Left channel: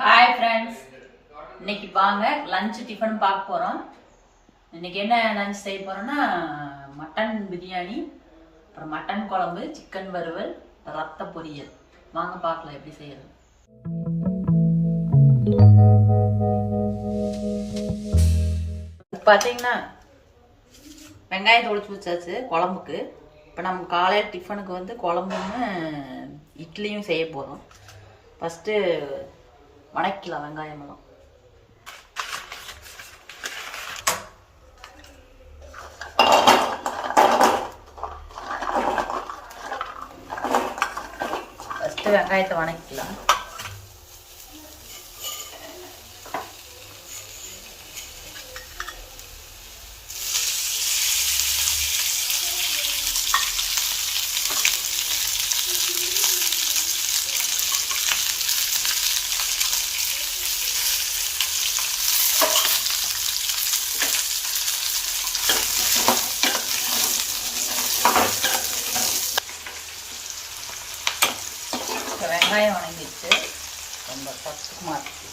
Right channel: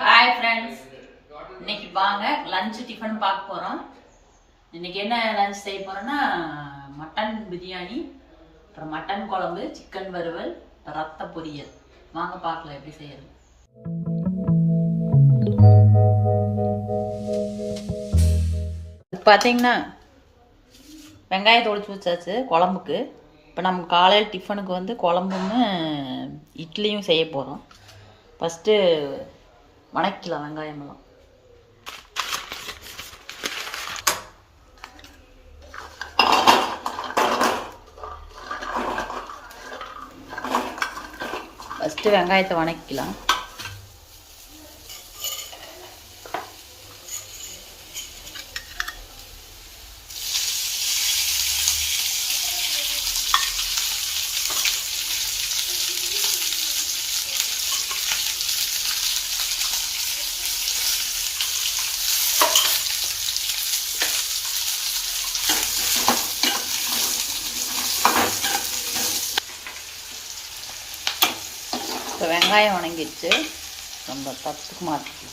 Hi friends, இன்னைக்கு வாங்க lunch tiffin பார்க்க போகிறோம். இன்னைக்கு என்ன லஞ்ச் செய்ய போகிறோன்னா மட்டன் பிரியாணி, அப்புறம் மட்டன் குழம்பு, சிக்கன் வறுவல், ரத்த பொரியல். வாங்க பார்க்கலாம் எப்படி செய்யறது. பார்த்தீங்கன்னா வெங்காயத்தை ஒழிச்சு வச்சாச்சு குழம்புக்கு. இப்போ நம்ம காலையில் டிஃபனுக்கு வந்து குழம்புன்னு இட்லியும் செய்ய போகிறோம். ஃபஸ்ட்டு வணக்கலாம் வெங்காயமெல்லாம். ஃபஸ்ட்டு வெங்காயத்தை வணக்கலாம். வெங்காயம் வணங்கிடுச்சு, நம்ம பத்துக்கு மாற்றி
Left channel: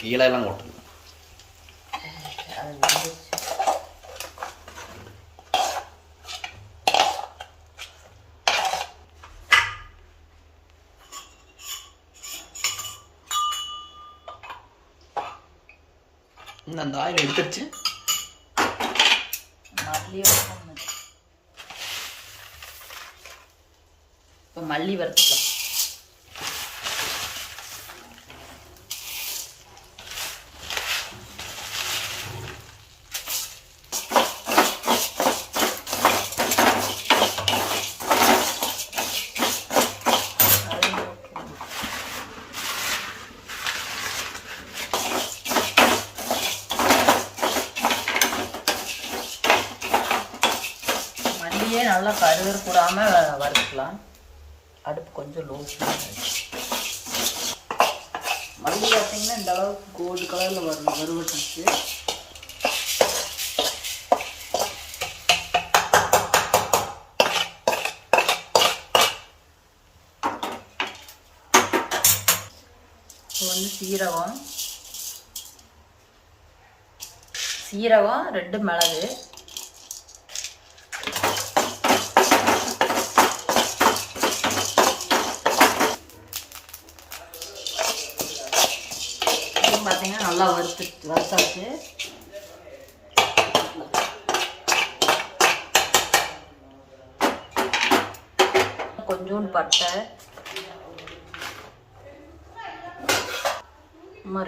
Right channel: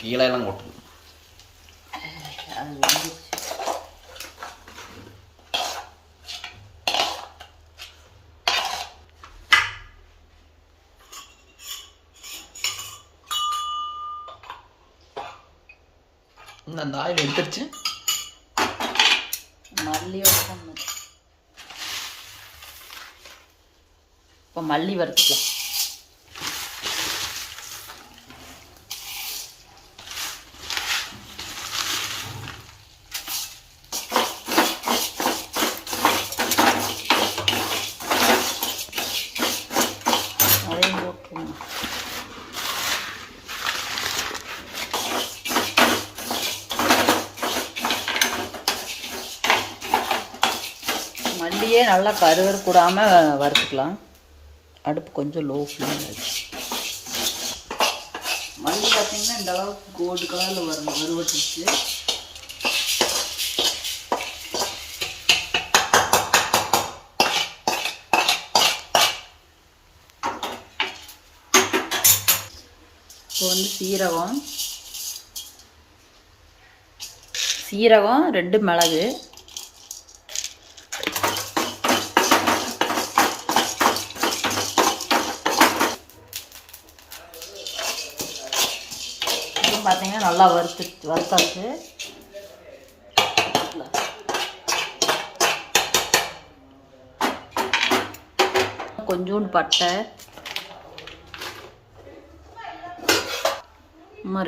கீழே எல்லாம் கொட்டணும். அது வந்துச்சு. அந்த ஆயில் எடுத்துருச்சு. இப்போ மல்லி வறுத்துக்கலாம். மல்லியே நல்லா கருவறுக்கூடாமல் வறுத்துக்கலாம். அடுப்பு கொஞ்சம் லோ ஃப்ளேமில் இருக்கு. மல்லி பார்த்தீங்கன்னா இந்த அளவுக்கு கோல்டு கலரில் வறுவட்டுச்சு. இப்போ வந்து சீரகம் 2 மிளகு, பார்த்தீங்கன்னா நல்லா வறுத்தாச்சு. கொஞ்சோண்டு பட்டை,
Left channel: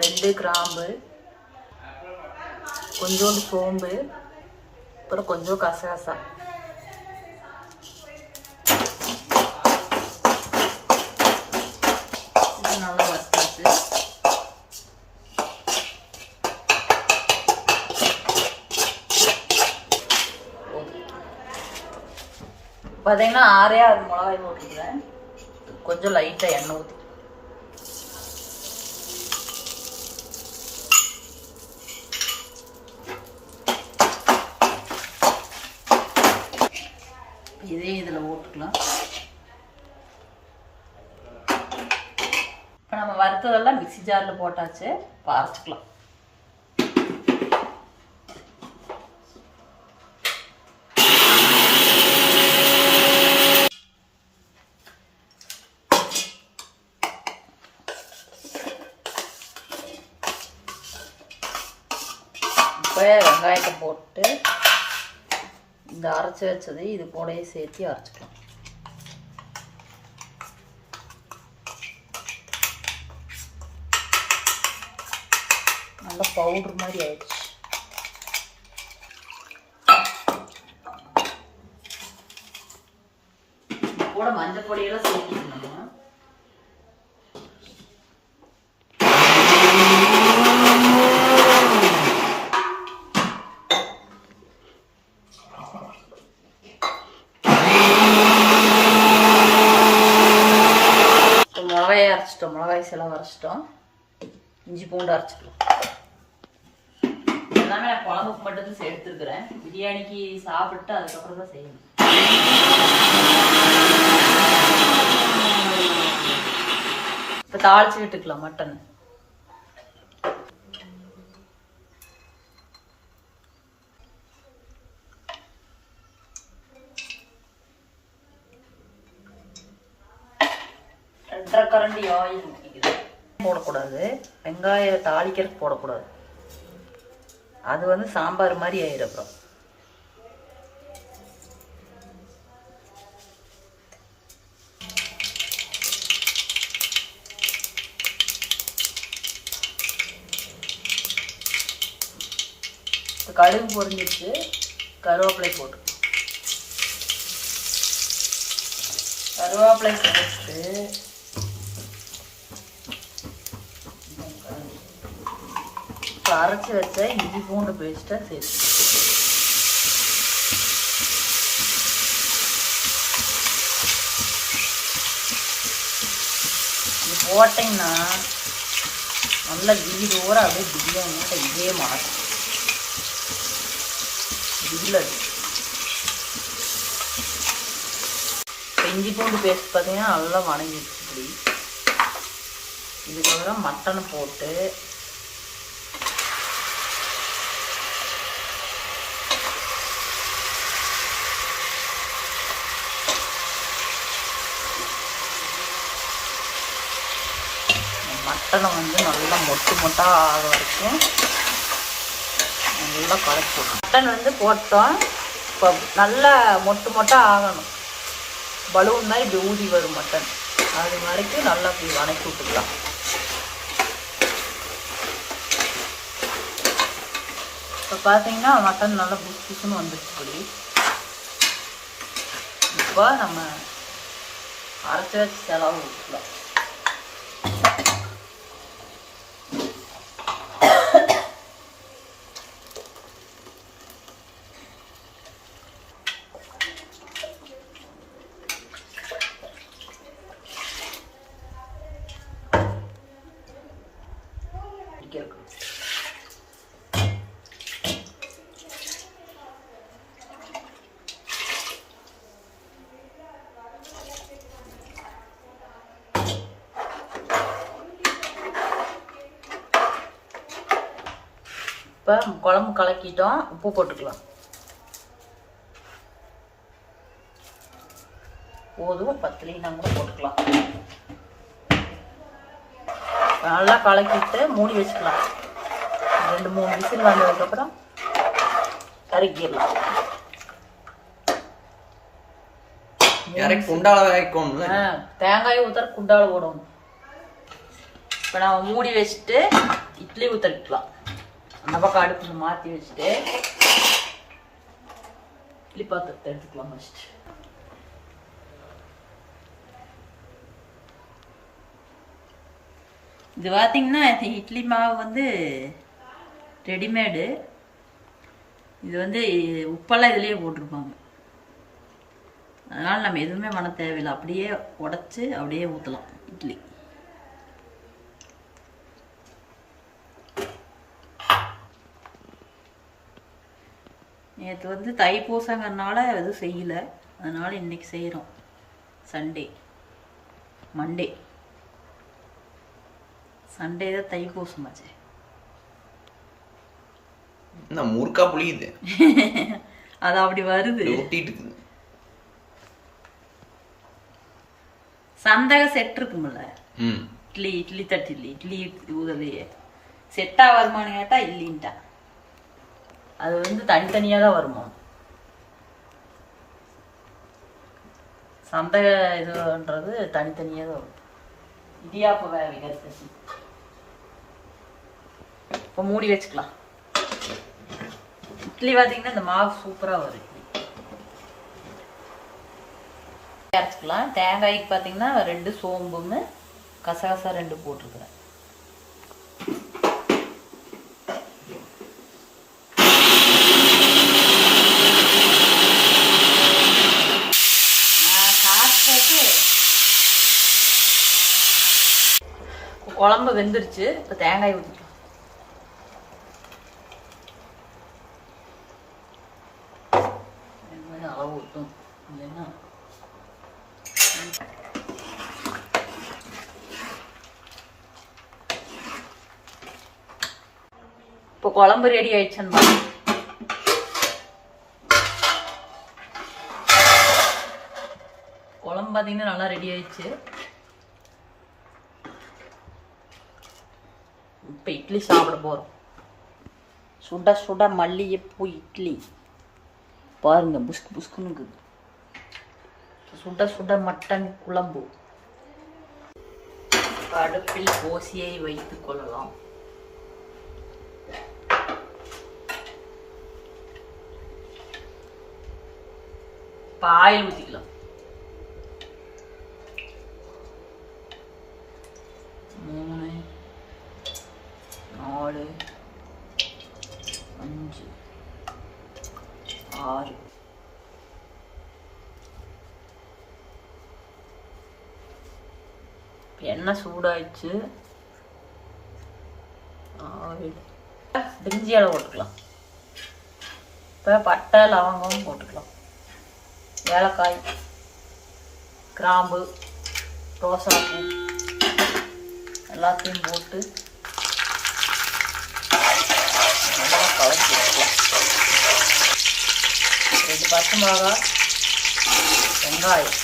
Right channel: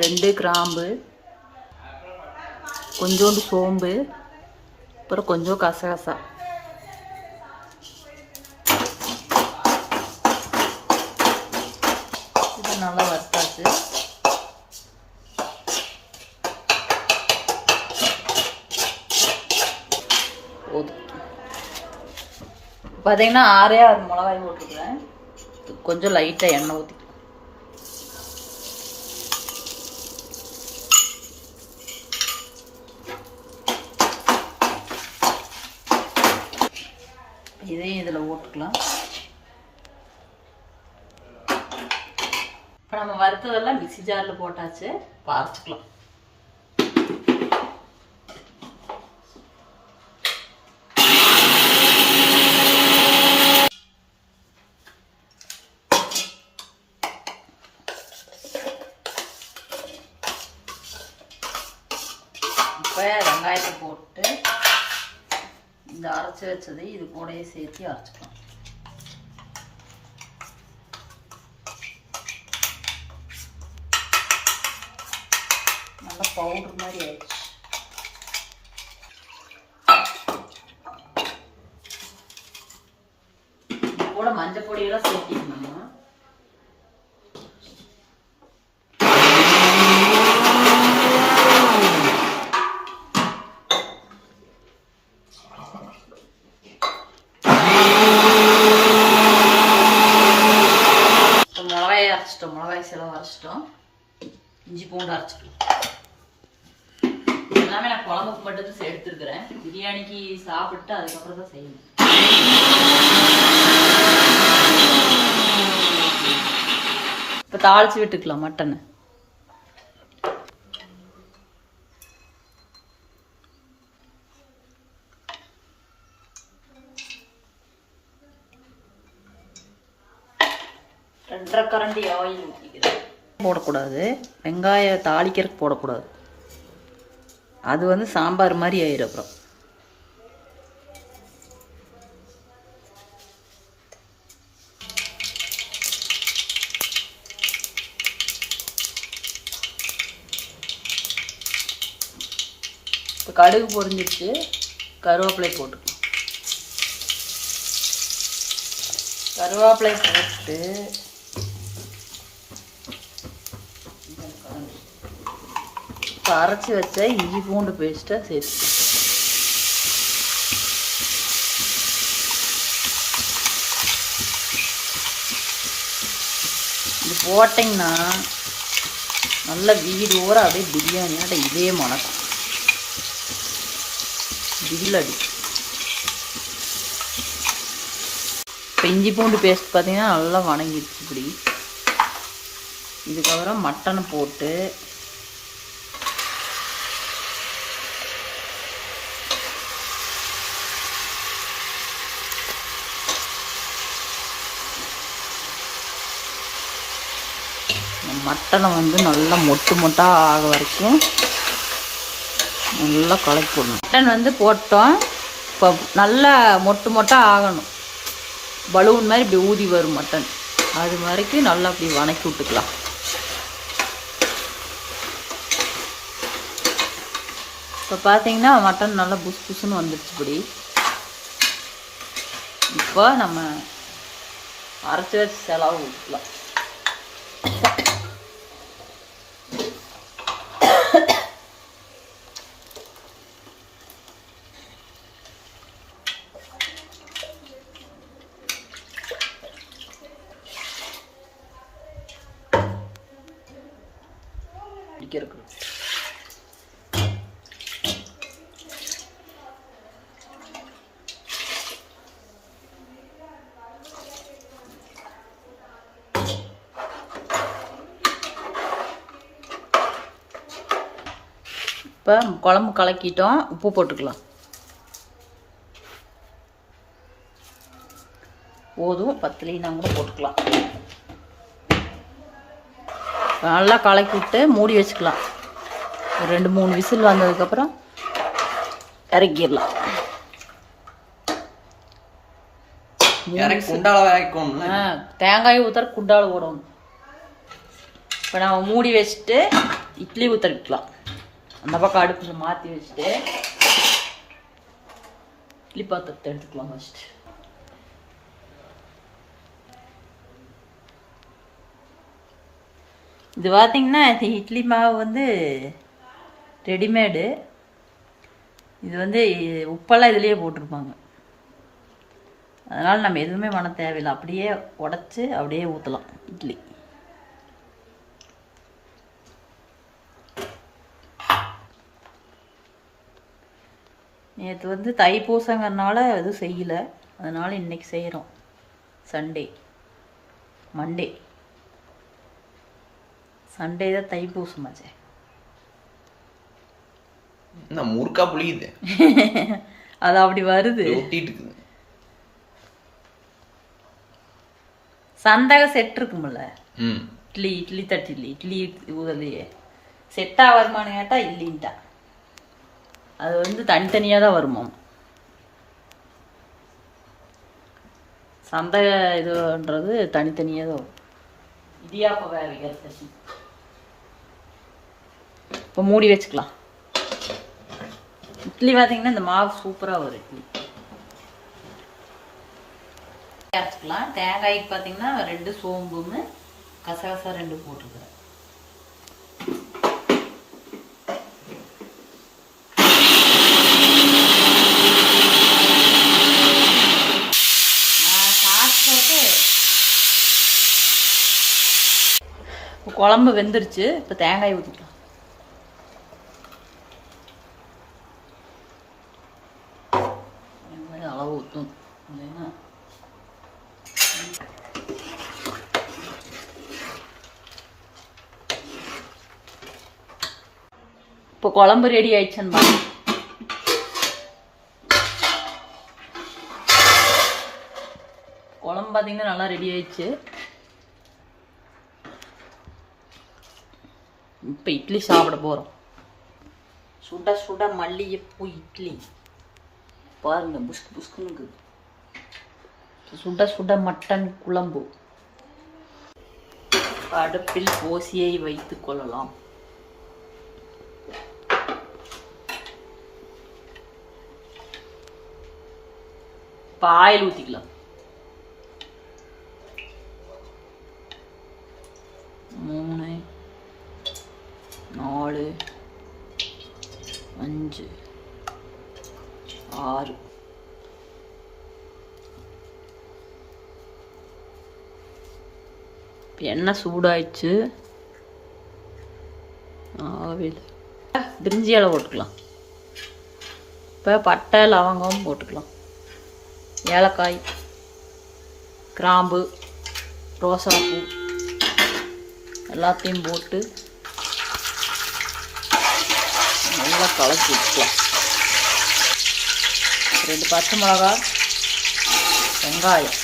2 கிராம்பு, கொஞ்சோண்டு சோம்பு, அப்புறம் கொஞ்சம் கசகசா. இது நல்லா வறுத்தாச்சு. பார்த்தீங்கன்னா 6 மிளகாய் போட்டுக்கிறேன். கொஞ்சம் லைட்டாக எண்ணெய் ஊற்றி இதையும் இதில் ஊற்றிக்கலாம். இப்போ நம்ம வறுத்ததெல்லாம் மிக்ஸி ஜாரில் போட்டாச்சு. இப்போ அரைச்சிக்கலாம். இப்போ வெங்காயத்தை போட்டு இந்த அரைச்சி வச்சது இது கூடயே சேர்த்து அரைச்சிக்கலாம். நல்லா பவுடர் மாதிரி ஆயிடுச்சு. கூட மஞ்சள் பொடியெல்லாம் சேர்த்திக்கணும். மிளகாய் செலவு அரைச்சிட்டோம். இஞ்சி பூண்டு அரைச்சிக்கலாம். எல்லாமே நான் குழம்புக்கு மட்டும் தான் எடுத்துருக்கிறேன். பிரியாணிக்கு சாப்பிட்டு அதுக்கப்புறம் தான் செய்யணும். இப்போ தாளிச்சு விட்டுக்கலாம் மட்டனை. ரெண்டரை கரண்டி ஆயில் போடக்கூடாது. வெங்காயம் தாளிக்கிறதுக்கு போடக்கூடாது. அது வந்து சாம்பார் மாதிரி ஆயிடும். அப்புறம் இப்போ கடுகு பொரிஞ்சிடுச்சு. கருவேப்பிலை போட்டு கருவேப்பிலை போட்டு அரைச்சி வச்ச இஞ்சி பூண்டு பேஸ்ட்டை சேர்த்து இது போட்டிங்கன்னா நல்ல வீடோட அப்படியே பிரியாணியோட இதே மணக்கும். இல்லடி இஞ்சி பூண்டு பேஸ்ட் பார்த்தீங்கன்னா நல்லா வணங்கிடுச்சு. இப்படி இதுக்கப்புறம் மட்டனை போட்டு மட்டனை வந்து நல்லா மொட்டு மொட்டாக ஆக வரைக்கும் நல்லா குழைக்கணும். மட்டன் வந்து போட்டோம். இப்போ நல்லா மொட்டு மொட்டாக ஆகணும். பலூன் மாதிரி இப்படி ஊதி வரும் மட்டன். அது வரைக்கும் நல்லா அப்படி வணக்கி விட்டுக்கலாம். இப்போ பார்த்தீங்கன்னா மட்டன் நல்லா புஷ் புஷ்ன்னு வந்துடுச்சு. இப்படி இப்போ நம்ம அரைச்சி வச்சு செலவு ஊற்றிக்கலாம். இருக்கு இப்போ குழம்பு கலக்கிட்டோம். உப்பு போட்டுக்கலாம். போதும், பத்தலைன்னா கூட போட்டுக்கலாம். நல்லா கலக்கிட்டு மூடி வச்சுக்கலாம். 2-3 விசில் வந்ததுக்கப்புறம் இறக்கிடலாம். குண்டால வேகணும்ல, தேங்காய் ஊற்றுற குண்டால ஓடணும். இப்போ நம்ம மூடி வச்சுட்டு இட்லி ஊற்றிக்கலாம். அந்த பக்கம் அடுப்பு மாற்றி வச்சுட்டு இட்லி பாத்திரத்தை எடுத்துக்கலாம். ஃபஸ்ட்டு இது பார்த்தீங்கன்னா இட்லி மாவு வந்து ரெடிமேடு. இது வந்து உப்பெல்லாம் இதுலேயே போட்டிருப்பாங்க. அதனால் நம்ம எதுவுமே பண்ண தேவையில்லை. அப்படியே உடச்சி அப்படியே ஊற்றலாம் இட்லி. நேற்று வந்து தைப்பூசங்கிறதுனால எதுவும் செய்யலை. அதனால் இன்றைக்கி செய்கிறோம். மண்டே சண்டே தான் தைப்பூசம் ஆச்சு. முறுக்கா புளியுது. அது அப்படி வருது. சந்தக செட் இருக்கும்ல, இட்லி தட்டில் இட்லி ஊதலையே செட்டா வருமானு கேட்டா இல்லைன்ட்டா. அது வந்து தனித்தனியா தான் வருமா. சந்தக இதுன்றது தனித்தனியா தான் வரும். இடியாப்ப வேவிக்கிறது. இப்போ மூடி வச்சுக்கலாம். இட்லி பார்த்தீங்கன்னா இந்த மாவு சூப்பராக வரும். இட்லி அரைச்சிக்கலாம். தேங்காய்க்கு பார்த்தீங்கன்னா 2 சோம்பும் கசகசா 2 போட்டுருக்குறேன். குழம்பு வெந்துருச்சு. இப்போ தேங்காய் ஊற்றிக்கலாம். குழம்பு ரெடி ஆயிடுச்சுன்னு பாருங்க. குழம்பு பார்த்தீங்கன்னா நல்லா ரெடி ஆயிடுச்சு. இப்போ இட்லி சாப்பிட போகிறோம். சுட சுட மல்லிகைப்பூ இட்லி பாருங்க, புஷ்கு புஷ்குன்னு. சுட சுட மட்டன் குழம்பு. அடுப்பில் ஓசியை வைத்துக் கொள்ளலாம். ஆயில் ஊற்றிக்கலாம். 3 4 5 6. எண்ணெய் சூடாயிடுச்சு. ஆவில் பிரிஞ்சி இலை போட்டுக்கலாம். இப்போ பட்டை லவங்கம் போட்டுக்கலாம். ஏலக்காய், கிராம்பு, ரோசாப்பூ எல்லாத்தையும் போட்டு நல்லா கலக்கி வச்சுக்கலாம். 2 பச்சை மிளகா, வெங்காயம்,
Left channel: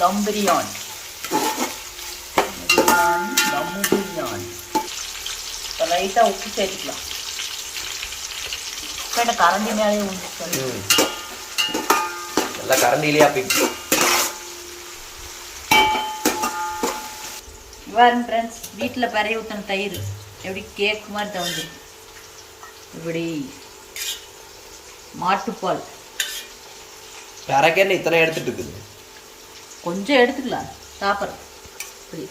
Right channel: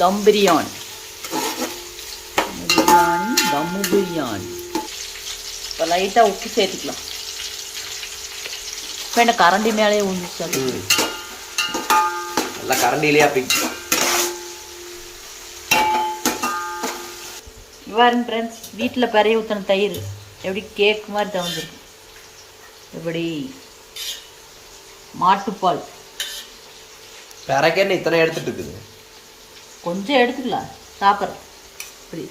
தம் பிரியாணி. தம் பிரியாணி. லைட்டாக உப்பு சேர்த்துக்கலாம். இப்போ என்ன கரண்டி மேலே ஊஞ்சிச்சு. நல்லா கரண்டிலே அப்படி பாருங்க ஃப்ரெண்ட்ஸ், வீட்டில் பெரிய ஊற்றின தயிர் எப்படி கேக் மாதிரி தவந்துருக்கு. எப்படி மாட்டுப்பால் பிறக்கேன்னு இத்தனை எடுத்துட்டு இருக்குது. கொஞ்சம் எடுத்துக்கலாம் சாப்பிட்றோம். இப்படி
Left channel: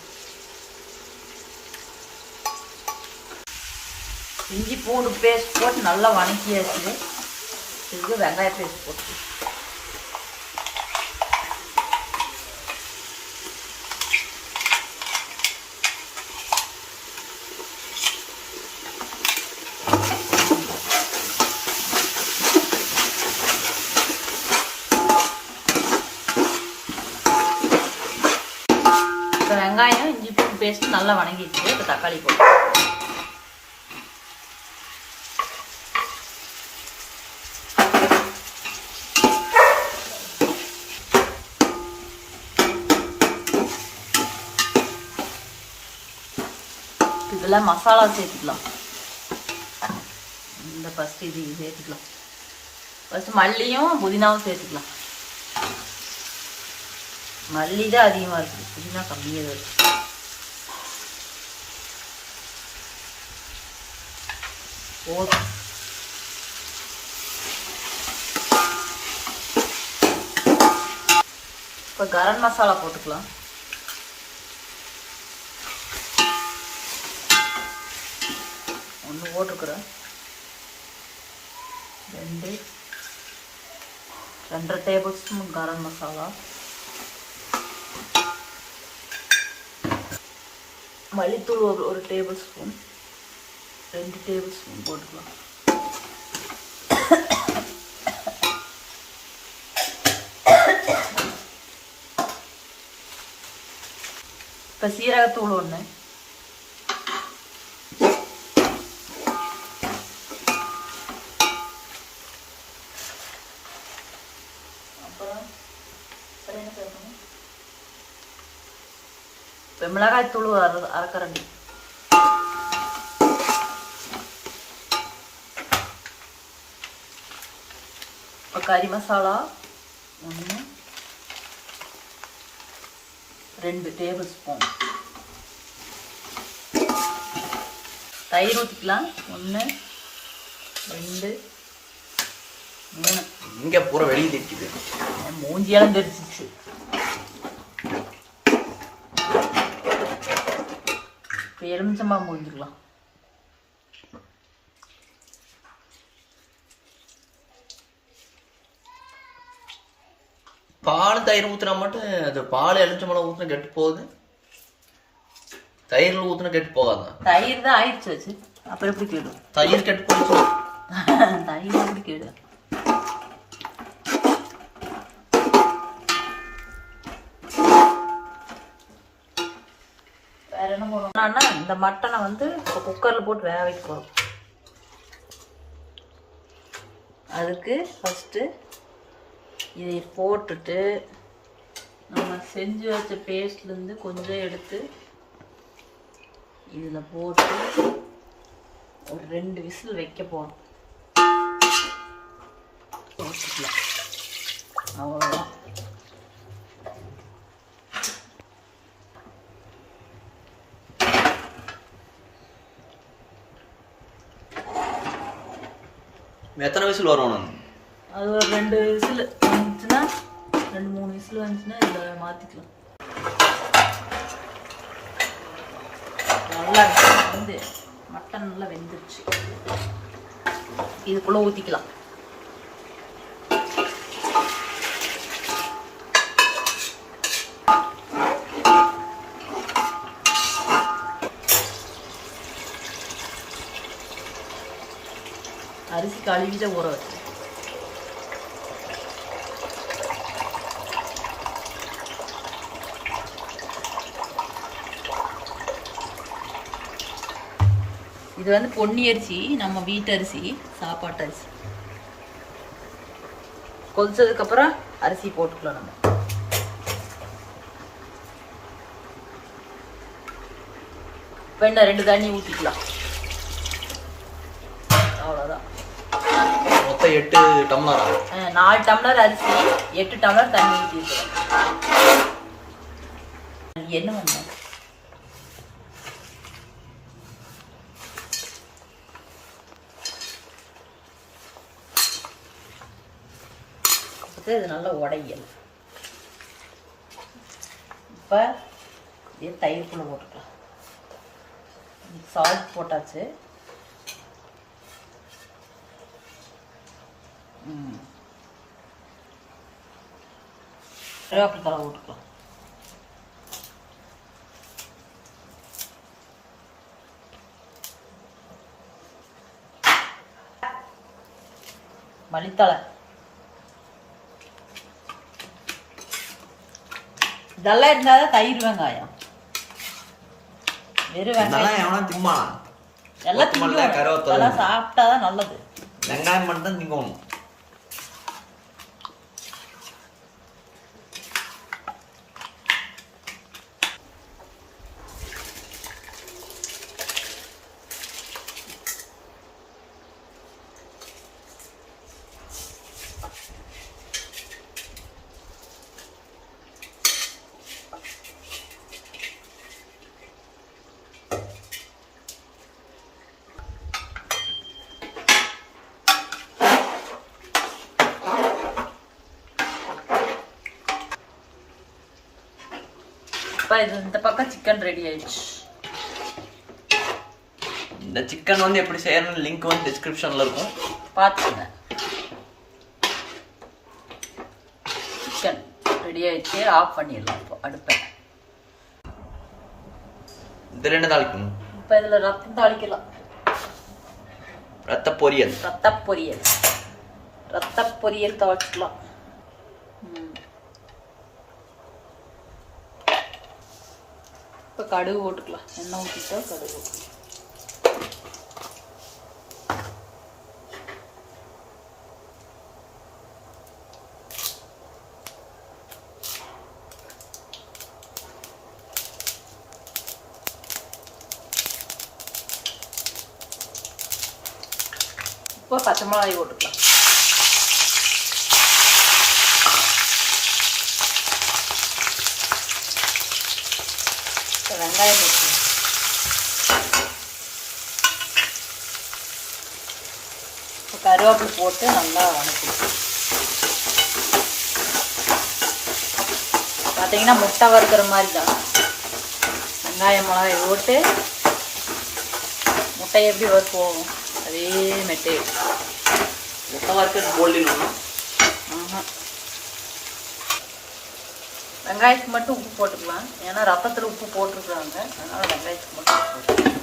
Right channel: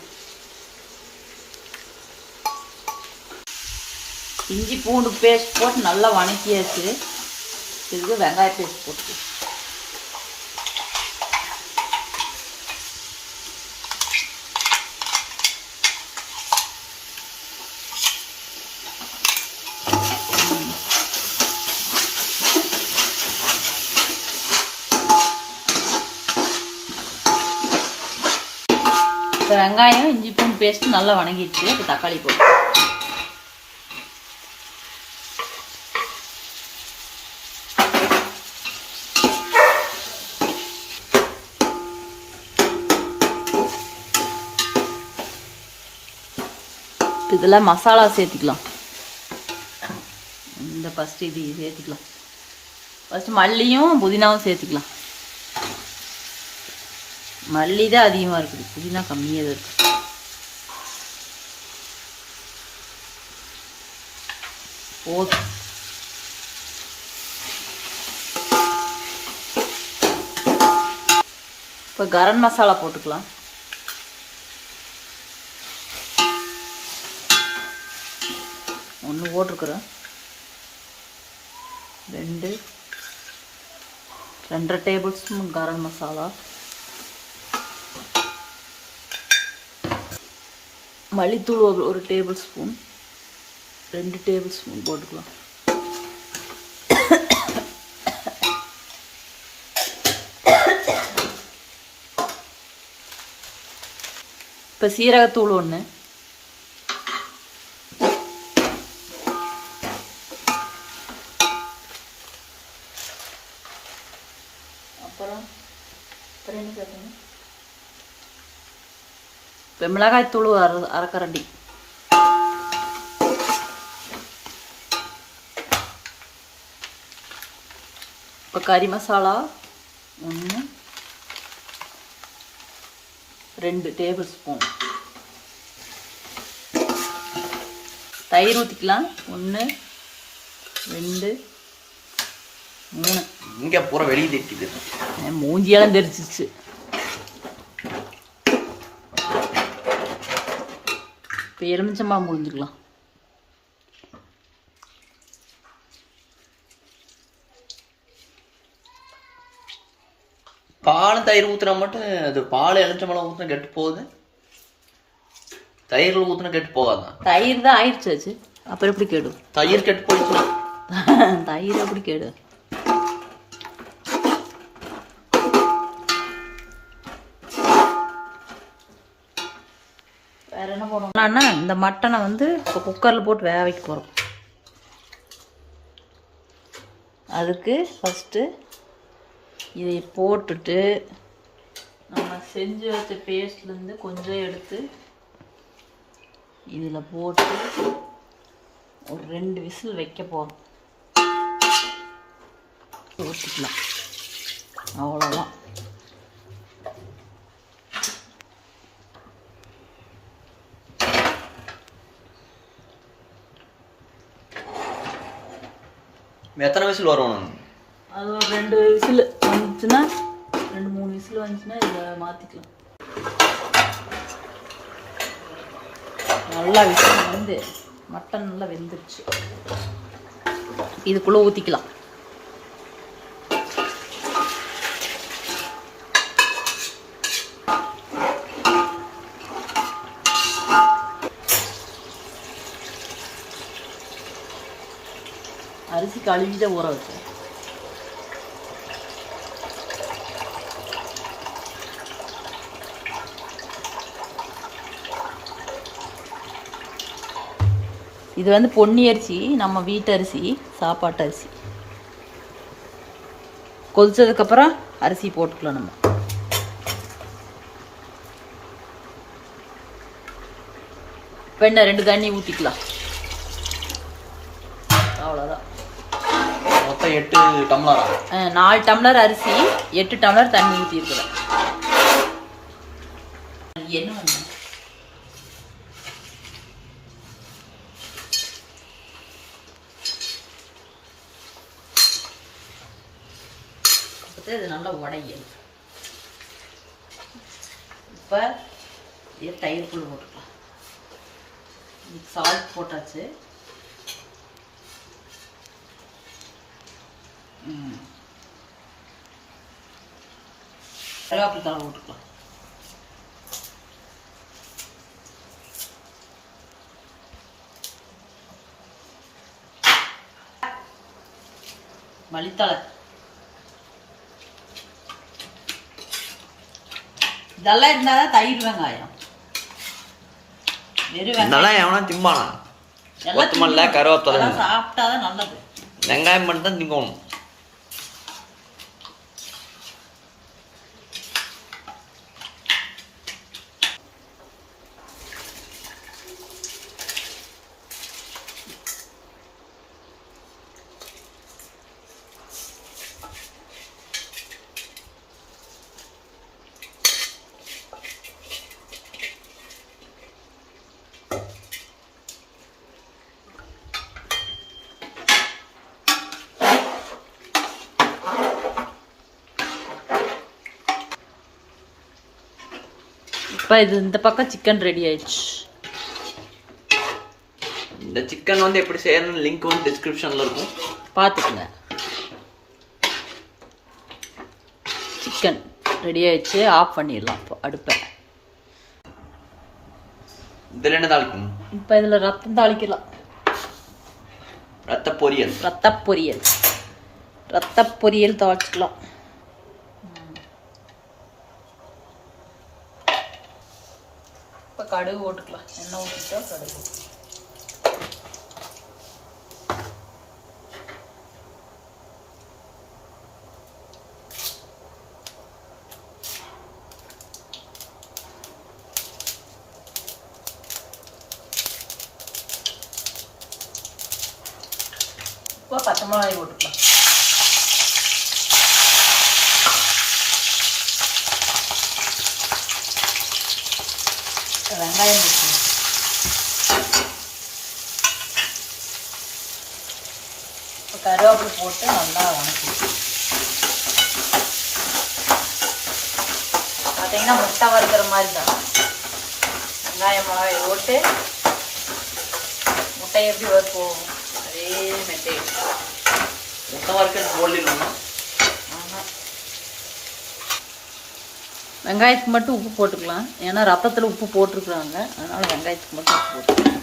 இஞ்சி பூண்டு பேஸ்ட் போட்டு நல்லா வணக்கியாச்சு. இதுக்கு வெங்காய பேஸ்ட் போட்டு இப்போ வெங்காயம் இஞ்சி பூண்டு பேஸ்ட் நல்லா வணங்கிடுச்சு. இப்போ தக்காளி போட்டு இதில் மசாலா சேர்த்துக்கலாம். இந்த ஃபஸ்ட்டு இது சேர்த்துக்கலாம். ஃபஸ்ட்டு மல்லியும் புதினாவும் சேர்த்துக்கலாம். மல்லி தான் அதிகமாக இருக்குது, புதினா கம்மியாக தான் இருக்குது. இப்போ கரம் மசாலா போட்டுக்கலாம். ஒன்று போட்டிருக்குறேன். 2 டேபிள் ஸ்பூன் கரம் மசாலா. மல்லித்தூள் 1 டேபிள் ஸ்பூன், 2 டேபிள் ஸ்பூன் போட்டுக்கலாம். இப்போ சீரகத்தூள் 1, அப்புறம் மிளகாய்த்தூள் 1/2 கரண்டி. இப்போ கறி மசாலா 1, 2 டேபிள் ஸ்பூன். தயிர் ஊற்றிக்கலாம். 1 2 3. இங்கே பூரா வெளியே தெரிக்குது. மூஞ்சியெல்லாம் தெரிச்சிச்சு. இப்போ எலுமிச்சம்பழம் புழிஞ்சுக்கலாம். பால் தயிர் ஊற்றுனா மட்டும் அது பால் எலுமிச்சம்பழம் ஊற்றினா கெட்டு போகுது. தயிரில் ஊற்றினா கெட்டு போகாதான். தயிர் தான் ஆயிடுச்சு. அப்புறம் எப்படி கேடு? தயிர் கெட்டு போயிட்டு. தயிர் எப்படி கேடு? வேற என்ன போடணும்னா இந்த மட்டனை வந்து குக்கரில் போட்டு வேக வைக்க போகிறோம். அதுக்கு ஃபஸ்ட்டு இதை போட்டுட்டு நம்ம செஞ்சு வச்ச பேஸ்ட்லேருந்து கொஞ்சம் எடுத்து இதில் போட்டு ஒரு 2 விசில் வைக்க போகிறோம். ஊற்றிக்கலாம். அவ்வளோதான். எத்தனை விசில் வரும்? அது ஒரு 2 விசில் வந்துச்சுன்னா 2-3 விசில் வந்துச்சுன்னா இதில் மாற்றிக்கலாம். நல்லா விசில் வந்து மட்டன் நல்லா வெந்துச்சு. இதுக்குள்ளே ஊற்றிக்கலாம். அரிசி கழுவிதான் ஊற வச்சு இது வந்து பொன்னி அரிசி, நம்ம வீட்டு அரிசி, சாப்பாட்டு அரிசி. கொதிச்சதுக்கப்புறம் அரிசி போட்டுக்கலாம். நம்ம வெண்ணெய் 2 தண்ணி ஊற்றிக்கலாம். அவ்வளோதான். மொத்தம் 8 டம்ளரா? 4 டம்ளர் அரிசி, 8 டம்ளர் தண்ணி ஊற்றிருக்கிறேன். என்ன பண்ண இது நல்லா உடையணும். இப்போ இது தயிர்க்குள்ளே போட்டுக்கலாம். சால்ட் போட்டாச்சு. கருவேப்பிலை தழை போட்டுக்கலாம். மல்லித்தழை. இதெல்லாம் இருந்தாதான் தயிர் வெங்காயம். வெறும் வெங்காயம் எவனா திம்பானா? எல்லாம் கருவேப்பிலை சாப்பிட்டாதான் நல்லது. வெங்காயம் மட்டும் தான் திங்கணும். இப்போ இது இந்த பக்கம் சிக்கன் ரெடி ஆயிடுச்சு. இந்த சிக்கன் வந்து எப்படி செய்யறதுன்னு லிங்க் வந்து டிஸ்கிரிப்ஷன்ல இருக்கும், பார்த்துக்கோங்க. சிக்கன் ரெடி ஆயிடுச்சு. ஆஃப் பண்ணிடலாம். இப்போ அடுப்பை. இதில் என்ன தாளிக்கணும்? இப்போ இதில் ரத்தம் தாளிக்கலாம். ரத்த பொரியல். ரத்த பொரியல். ரத்த பொரியல் தாளிச்சுக்கலாம். இப்போ கடுகு போட்டுக்கலாம். எண்ணெய் ஊற்றிட்டா கடுகு. இப்போ பச்சை மிளகாய் போட்டுக்கலாம். வெங்காயம் ஊற்றணும். இப்போ கருவேப்பிலை போட்டு நல்லா வணக்கணும். பார்த்தீங்கன்னா முட்டை வறுக்கிற மாதிரி தான். வெங்காயம் மிளகாய் போட்டு முட்டை எப்படி வறுப்போம் அதே மெத்தேட். முட்டை வறுக்கிறது போடலாம். வெங்காயத்துக்கு மட்டும் உப்பு போட்டுக்கலாம். ஏன்னா ரத்தத்தில் உப்பு போட்டிருக்குறாங்க. அதனால் வெங்காயத்துக்கு மட்டும் உப்பு போட்டுக்கலாம்.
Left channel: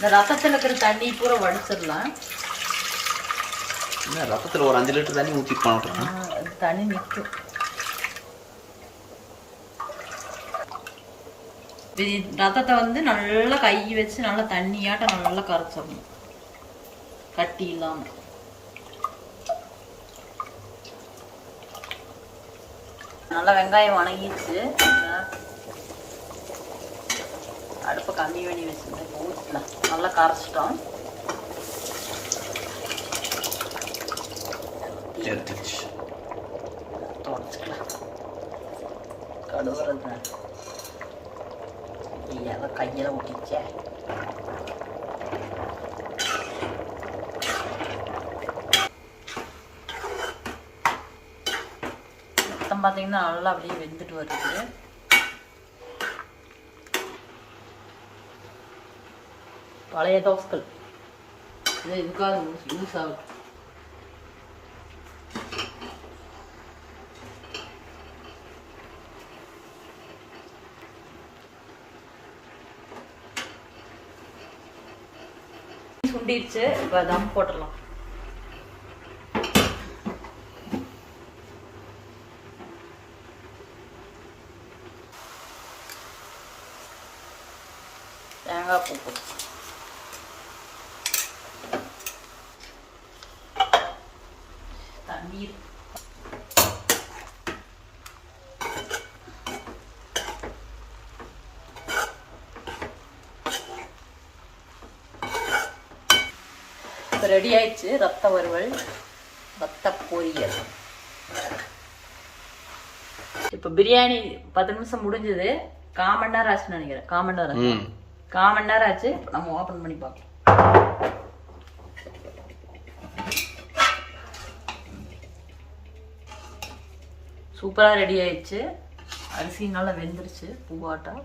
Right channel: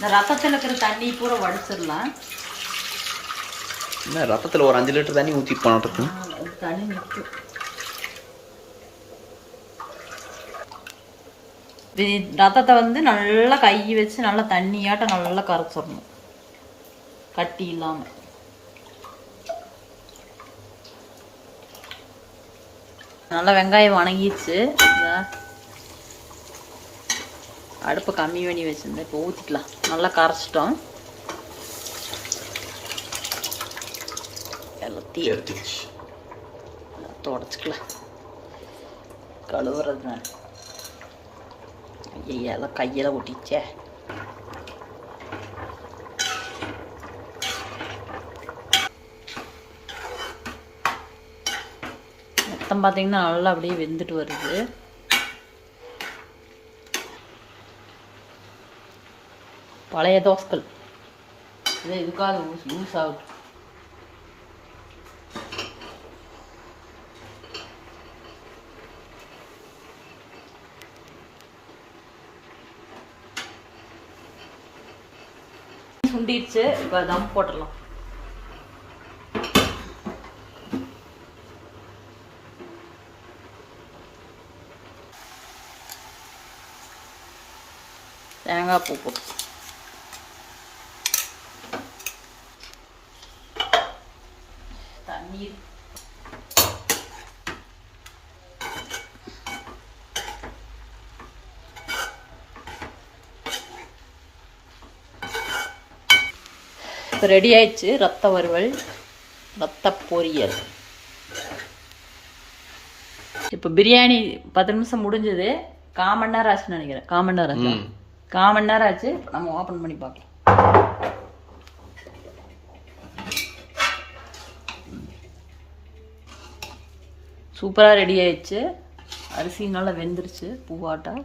இந்த ரத்தத்தில் இருக்கிற தண்ணி பூரா வடிச்சிடலாம். என்ன ரத்தத்தில் ஒரு 5 லிட்டர் தண்ணி ஊற்றிட்டு போனாட்ருக்கேன். தண்ணி நிற்கும். ரத்தத்தை வந்து நல்லா கை வச்சு நல்லா தண்ணியாட்டம் நல்லா கரைச்சிடணும், கட்டி இல்லாம. நல்லா வெங்காயம் வணங்கிடுச்சு. அடுப்பு கம்மி பண்ணி வச்சிருந்தேன். இப்போ ஊற்றிக்கலாம். நல்லா கரைச்சிட்டோம். தொடச்சிக்கலாம். கழுவுறதுனால ஐயெல்லாம் கையில் ஒட்டிச்சே. மொத்தம் பார்த்தீங்கன்னா நல்லா அப்படியே வெந்துட்டு வருது. பழைய தோசைகள் இது இதுக்காக யூஸ் ஆகும். சுண்டிடுச்சு. இப்போ தம் போட்டுடலாம். தேங்காய் பூ போட்டு தண்ணீர் ரெடி ஆயிடுச்சு. ரத்த வறுவல், ரத்த பொரியல். இப்போ பிரியாணி 10 நிமிஷம் முடிஞ்சது. 1/4 மணி நேரம் ஆச்சுன்னு நினைக்கிறேன். 1/4 மணி நேரம் ஆச்சு. நம்ம ஓப்பன் பண்ணி பார்க்கலாம். சூப்பராக ரெடி ஆயிடுச்சு. அரிசி நல்லா வெந்துருச்சு பூவாட்டம்.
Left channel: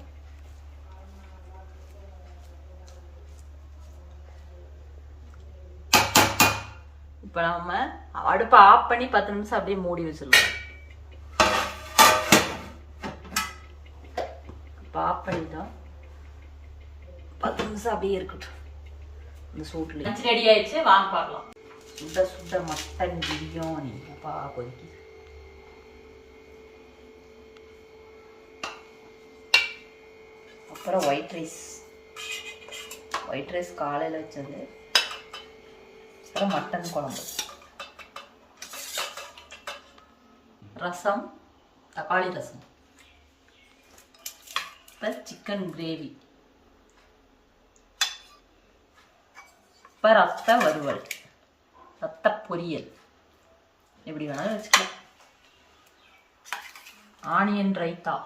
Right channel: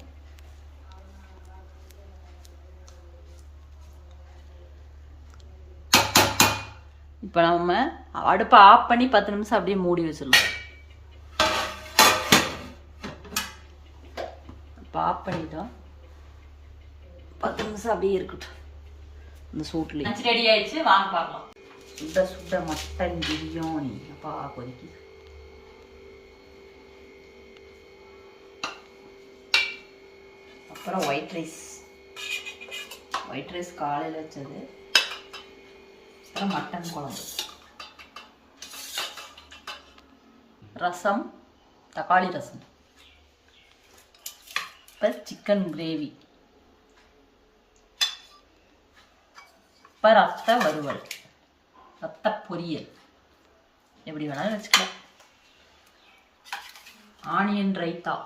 இப்போ நம்ம அடுப்பை ஆஃப் பண்ணி 10 நிமிஷம் அப்படியே மூடி வச்சிடலாம். இப்போ ஆஃப் பண்ணிட்டோம். 10 நிமிஷம் அப்படியே இருக்கட்டும் இந்த சூட்லேயே. ரெடி ஆயிடுச்சு. வாங்க பார்க்கலாம். சுட சுட மட்டன் பிரியாணி. அப்பா கொதிக்குது. அப்புறம் ஒயிட் ரைஸ் காலையில் வச்சது. அப்புறம் மட்டன் குழம்பு, ரசம், தக்காளி ரசம், அப்புறம் சிக்கன் கிரேவி, இப்போ ரத்த வறுவல், ரத்த பொரியல், எப்படி வேணாலும் வச்சுக்கலாம். ஆனியன் ரைத்தா.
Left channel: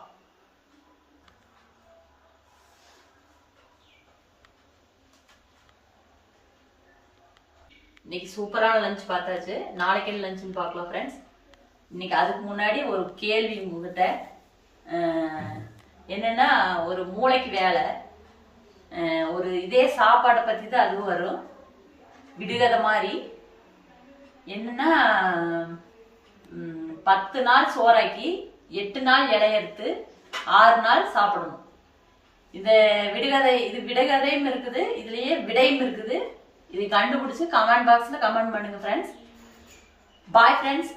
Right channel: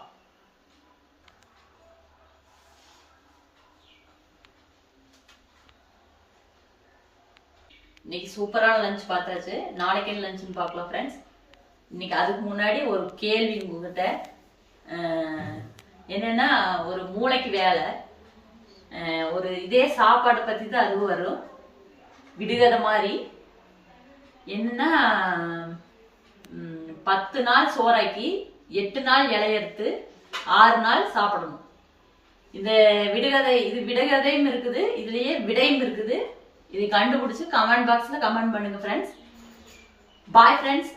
இன்னைக்கு சூப்பரான லஞ்ச் பார்த்தாச்சு. நாளைக்கு என்ன லஞ்சுன்னு பார்க்கலாம் ஃப்ரெண்ட்ஸ். இன்னைக்கு அதுக்கு முன்னாடி ஒரு கேள்வி உங்ககிட்ட. என்னன்னா, ஒரு மூளைக்கு வேலை, ஒரு இதே சாப்பாட்டை பற்றி தான் அதுவும் வரும், விடுகதை மாதிரி. என்னன்னா, 10 நாள் சோறாக்கி 8 நாள் இலையெடுத்து 6 நாள் சாப்பிடணும். இந்த விடுகதை, இது விடுகதையும் இருக்குது, இதுலயே விடையும் இருக்குது. இதை கண்டுபிடிச்சு கமெண்ட் பாக்ஸ்ல கமெண்ட் பண்ணுங்க ஃப்ரெண்ட்ஸ். Bye friends.